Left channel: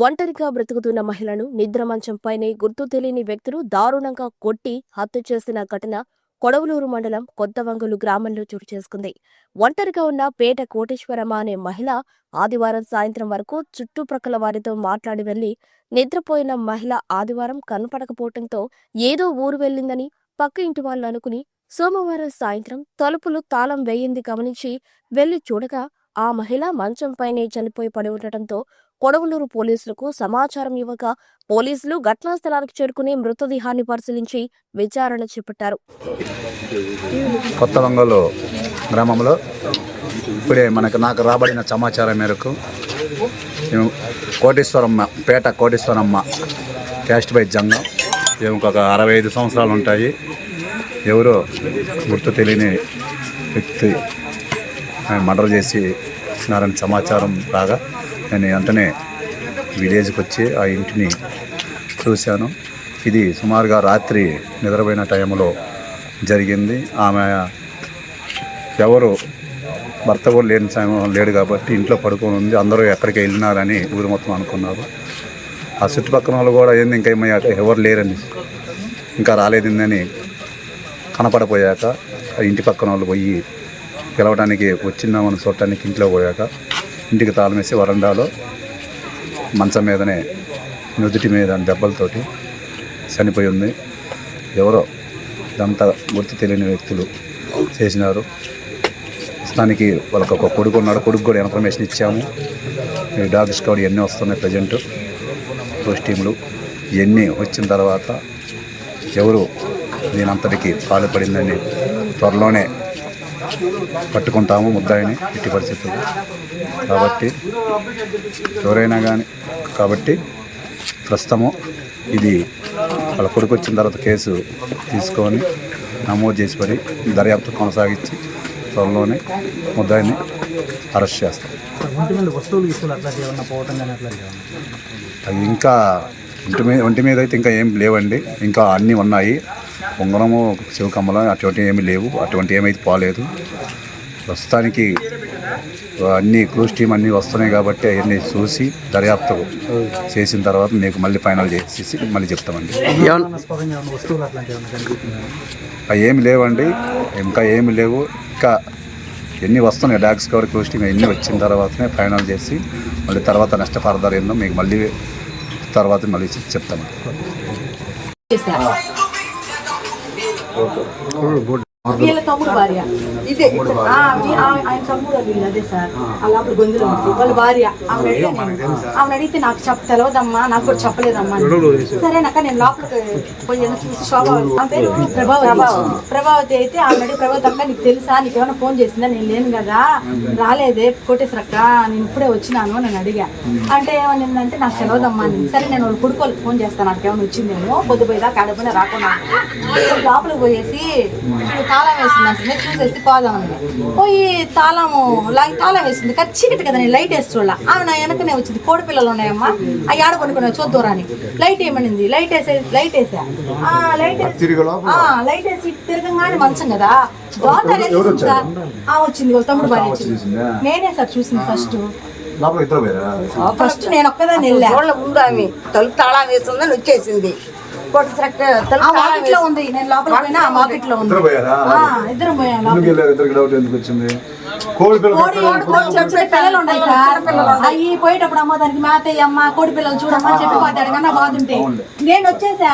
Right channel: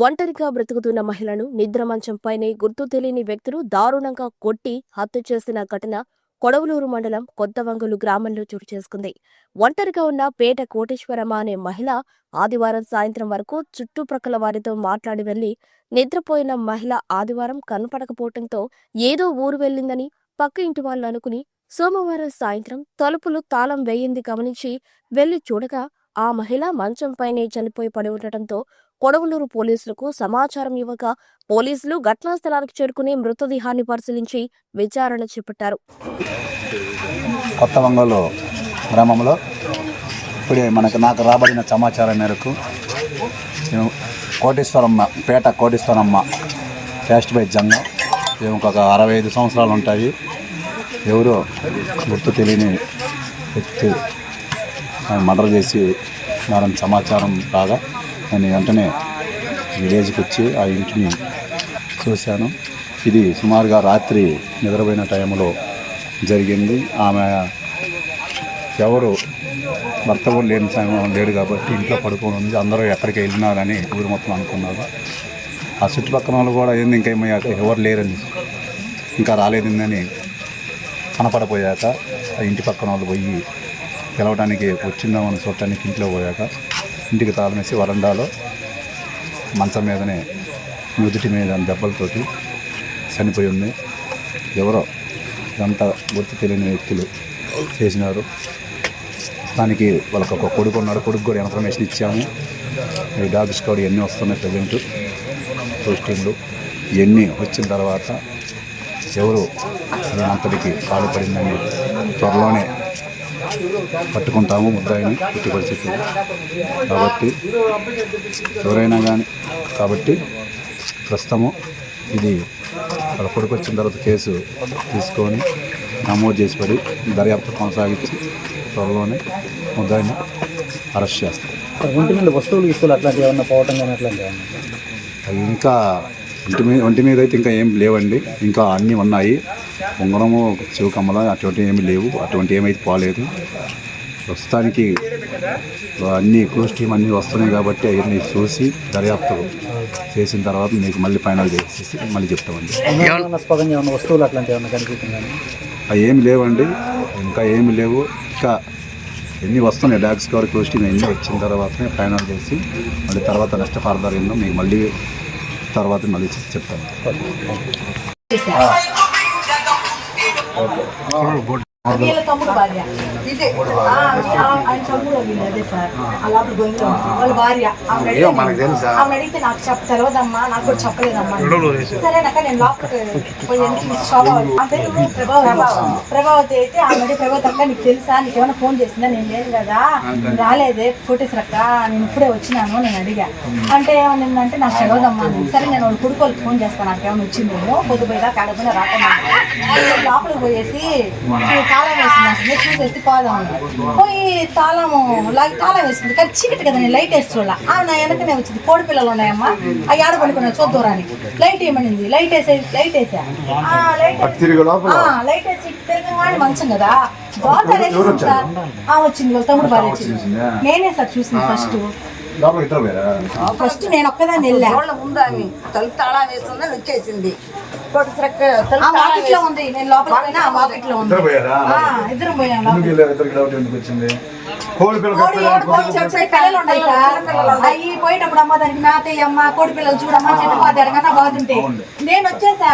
ఒంటరిగా బ్రతుకుతున్న మహిళను నిద్రమంచంపైనే గుర్తు తెలియని వ్యక్తులు దారుణంగా కొట్టి హత్య చేసిన ఘటన కొడవలూరు మండలం కొత్తవంగులు గ్రామంలో చోటు చేసుకుంది. ఒంటరిగా ఉన్న పేట కోటేశ్వరమ్మ అనే మహిళ ఆదివారం సాయంత్రం వరకు చుట్టుప్రక్కల వారితో మాట్లాడి వెళ్ళి నిద్రపోయిన మహిళ ఆదివారం కనపడకపోవటంతో ఏదో ఊరు వెళ్ళిందని పక్క ఇంటి వాళ్ళు అనుకుని సోమవారం సాయంత్రం తలుపులు తాళం వేయింది గమనించి వెళ్ళి చూడగా ఆ మహిళ మంచంపైనే చనిపోయి పడి ఉండటంతో కొడవలూరు పోలీసులకు సమాచారం ఇవ్వక పోలీసులు ఘటనా స్థలానికి చేరుకుని మృతదేహాన్ని పరిశీలించి విచారణ చేపట్టారు. కొత్త వంగలు గ్రామంలో ఇప్పుడే మనకు నాకు రాబడిన సమాచారం మేరకు కోటేశ్వరమ్మ పేట కోటేశ్వరమ్మ క్యాస్ట్ బై జంగం. ఈమెకు ఒక అరవై ఐదు సంవత్సరాలు ఉంటాయి. ఎవరో గుర్తు తెలియని వ్యక్తి మర్డర్ చేసి ఉన్నారని సమాచారం రాగా నేను వెంటనే విలేజ్కి వచ్చి ఆ ఇంటిని చూశాను. ఇది సుమారుగా రాత్రి నిద్రపోయిన టైంలో జరిగింది. ఆమె ఎవరు? భర్త కూడా లేని సమయం లేడు కాబట్టి ఇంట్లో పడుకొని ఉంది. అందరూ ఎక్కడికి వెళ్ళినారని ఊరు మొత్తం అనుకున్నారు. ఆ చుట్టుపక్కల వాళ్ళు కూడా ఏంది ఇంకా ఏమయ్యా? ఎవరు లేరని ఇంకా రాలేదని కనపడపోయాక ఆ ఇంటి పక్కన వాళ్ళు పోయి గెలవడానికి వచ్చిందామని చూడటానికి ఇంట్లో పోయాక ఇంటికి తాళమేసి వరండాలో మంచం మీదనే నుదుటి మీద దెబ్బలతోటి చనిపోయి ఉంది. ఎవరో ఇదంతా గుర్తు తెలియని వ్యక్తులు చేసినారు. ప్రస్తుతానికి వాళ్ళకి ఒక కొడుకు ఉన్నాడు. కొడుకు కూడా ఇన్ఫర్మేషన్ ఇచ్చాము. ఈ డాగ్ స్కౌడ్ ఇవన్నీ వస్తున్నాయి ప్రజెంట్? పోస్ట్ టీములు ఇవన్నీ వచ్చిన తర్వాత ఎవరు నేనంతటికి పాల్పడిందని త్వరలోనే పట్టుకుంటాము ముద్దాయిని ఇట్టి పరిస్థితులు. కాబట్టి ఎవరైనా కానీ కాబట్టి ప్రస్తుతము ఇది వాళ్ళ కొడుకు వచ్చిన తర్వాత కేసు తీసుకొని నమోదు చేసి పడి దర్యాప్తు కొనసాగించి త్వరలోనే ముద్దాయిని అరెస్ట్ చేస్తాం. ఒంటి మీద వస్తువులు తీసుకుని అట్లాంటివి ఏమన్నా పోవటం కానీ అట్లాంటివి అవి ఇంకా ఒంటి మీద ఒంటి మీద అయితే ఇంకా ఏం లేవండి. ఇంకా అన్నీ ఉన్నాయి. ఉంగరము శివకమ్మల అటువంటి ఏమీ లేవు. అటువంటి ఏమైతే పోలేదు. ప్రస్తుతానికి అన్ని క్రూజ్ టీం అన్నీ వస్తున్నాయి కాబట్టి అవన్నీ చూసి దర్యాప్తు చేసిన తర్వాత నీకు మళ్ళీ ఫైనల్ చేసేసి మళ్ళీ చెప్తామండి. ఏమి లేవండి. ఇంకా ఏమి లేవు. ఇంకా ఎన్ని వస్తున్నాయి డాక్స్ కవర్ క్రూజ్ టీం అన్నీ వచ్చిన తర్వాతనే ఫైనల్ చేసి మళ్ళీ తర్వాత రెస్ట్ ఫర్దర్ ఏందో మీకు మళ్ళీ తర్వాత మళ్ళీ করব వీళ్ళ తమ్ముడు భార్య. ఇదే. ఆ, ఆ- ఆయన తమ్ముడు వీళ్ళు అదే సార్. గొంతులో వాళ్ళ భార్య. ఆమె అడిగితే నాకు నాకు కూడా చెప్పలేదమ్మా అని. సరేనాక నేను లోపలికి పోయి శోభ ప్రభావతి. ప్రభావతి. అయితే ఆమె అడిగి ప్రభావతి అక్క నీకు తెలుసా? నీకు ఏమైనా ఫోన్ చేసిందా? నేను లేను కదా. రాలేదే. కోటేశ్వరక్క నేను ఇప్పుడే వచ్చినాను నేను అడిగా. అంటే ఏమనిందంటే నాకు అని. సరే నేను వాళ్ళ కొడుకు వాళ్ళకి ఫోన్ చేస్తాను నాకు ఏమైనా వచ్చిందేమో. పొద్దు పోయిదా కాడపోయినా రాకుండా లోపలికి పోయేసి తాళం వేసింది అసలు చూసేసి పోదాం పోయి తాళము లాగి తాళం వేసింది కానీ చీకటి కదా నేను లైట్ వేసి చూడాల? ఆమె నా వెనకనే వచ్చింది. కోడి పిల్లలు ఉన్నాయమ్మా. ఆ ఏడ కొనుక్కున్నా చూద్దూరానికి లైట్ ఏమనింది? లైట్ వేసే లైట్ వేసా? ఆ, లైట్ వేసి- ఆ, లైట్ వేసి తిరగంగానే మంచం కదా. దోతారు ఆ, వచ్చింది తమ్ముడు వచ్చింది. నేనే సార్ చూసింది ఫస్ట్. ఫస్ట్ నేను ఒక్కదాన్ని వెళ్ళా. వాళ్ళ ముందు ఆమె తలుపు తాళం వేస్తుందని వచ్చేసింది ఆ వాకిట్లో ఉంది. నేను లోపలికి పోయినా ఆ వాకిట్లో ఉంది. ఇద్దరు పోయారా? ఆ, ఇద్దరం పోయాం ఎందుకు లోపలికి. వెళ్ళారు? ఇద్దరికి డౌట్ ఎందుకు వచ్చింది? కోడి పిల్ల కోడి కోడి చెప్పే పిల్లలు ఉన్నాయి సార్. అవి పోయేటప్పుడు అమ్మ దానికి మేత అమ్మ కోడి పిల్లలు చూడమ్మా చెప్పి పోతాడు కన్నా బాగుంటే నేను వచ్చేసా.